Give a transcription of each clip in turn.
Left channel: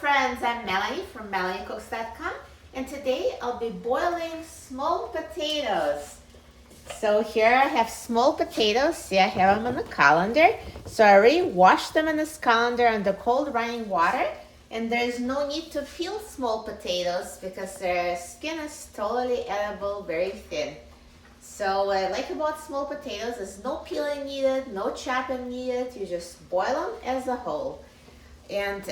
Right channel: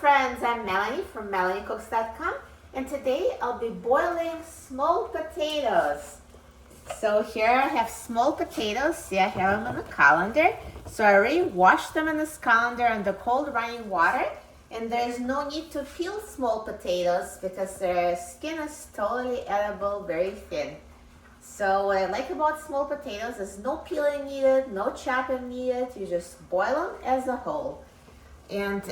friends, I'm Melanie from melaniecooks.com, and today I'll be boiling small potatoes. So here I have small potatoes. See, I have them on the colander. So I already washed them in this colander under cold running water, and there's no need to peel small potatoes because their skin is totally edible, very thin. So what I like about small potatoes is no peeling needed, no chopping needed. You just boil them as a whole. And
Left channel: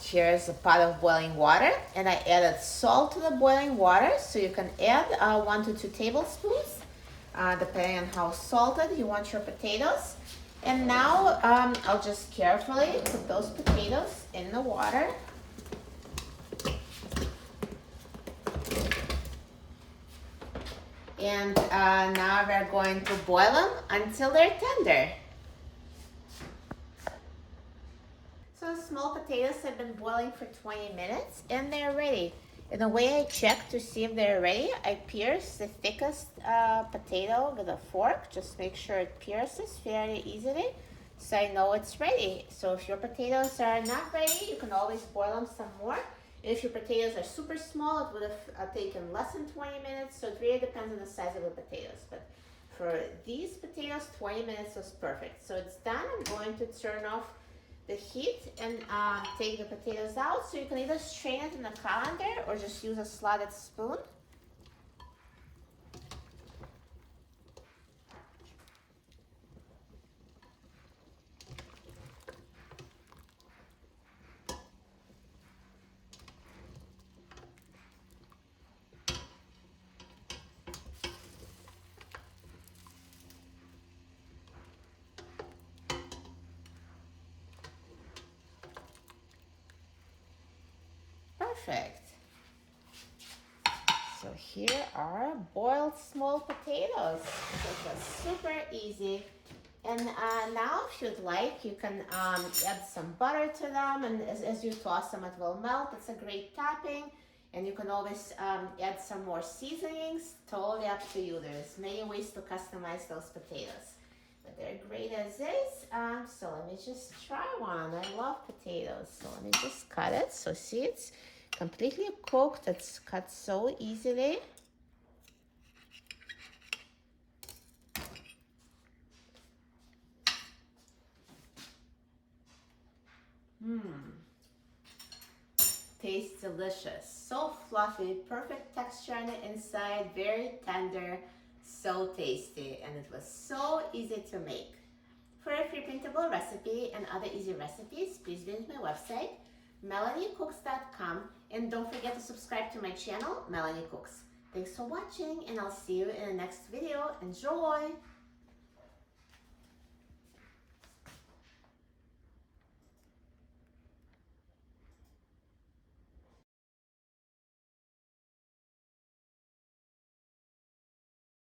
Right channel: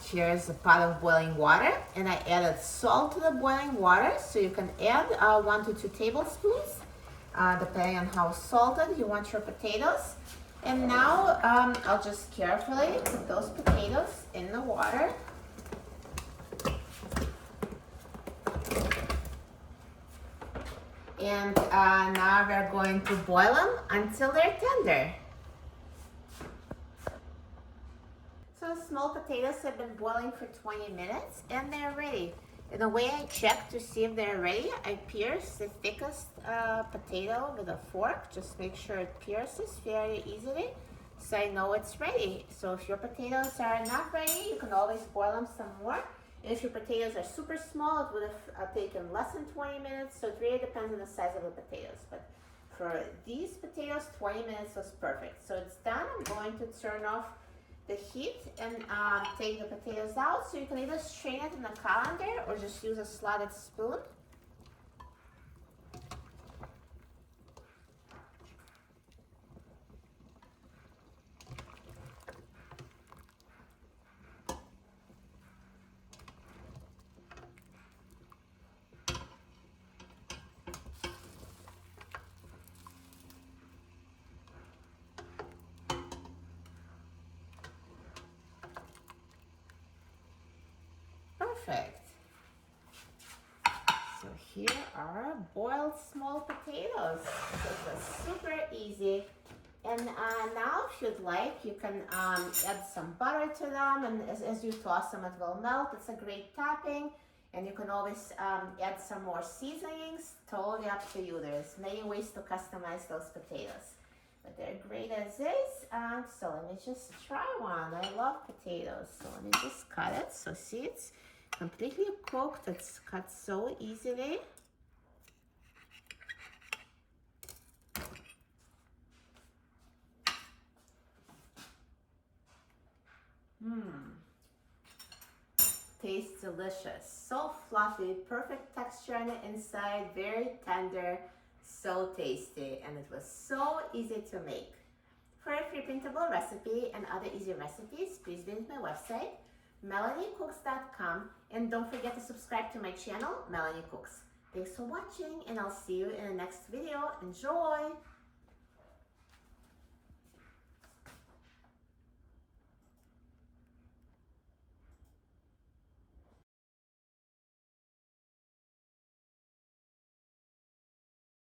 here's a pot of boiling water, and I added salt to the boiling water, so you can add 1 to 2 tablespoons, depending on how salted you want your potatoes. And now I'll just carefully put those potatoes in the water. And now we're going to boil them until they're tender. So small potatoes have been boiling for 20 minutes and they're ready. And the way I check to see if they're ready, I pierce the thickest potato with a fork. Just make sure it pierces fairly easily so I know it's ready. So if your potatoes are not ready, you can always boil them some more. And if your potatoes are super small, it would have taken less than 20 minutes. So it really depends on the size of the potatoes. But for these potatoes, 20 minutes was perfect. So it's done. I'm going to turn off the heat and take the potatoes out. So you can either strain it in a colander or just use a slotted spoon. Perfect. So here are boiled small potatoes. This was super easy. And now if you'd like, you can add some butter to them, and as you toss them it will melt. It's a great topping, and you can always add some more seasonings. Totally up to you. There's many ways to customize those potatoes, but they're great as is. So let me just try one. I love potatoes, so let me just cut it. So see, it's completely cooked. It's cut so easily. Tastes delicious. So fluffy, perfect texture on the inside, very tender, so tasty, and it was so easy to make. For a free printable recipe and other easy recipes, please visit my website, melaniecooks.com, and don't forget to subscribe to my channel, Melanie Cooks. Thanks for watching, and I'll see you in the next video. Enjoy!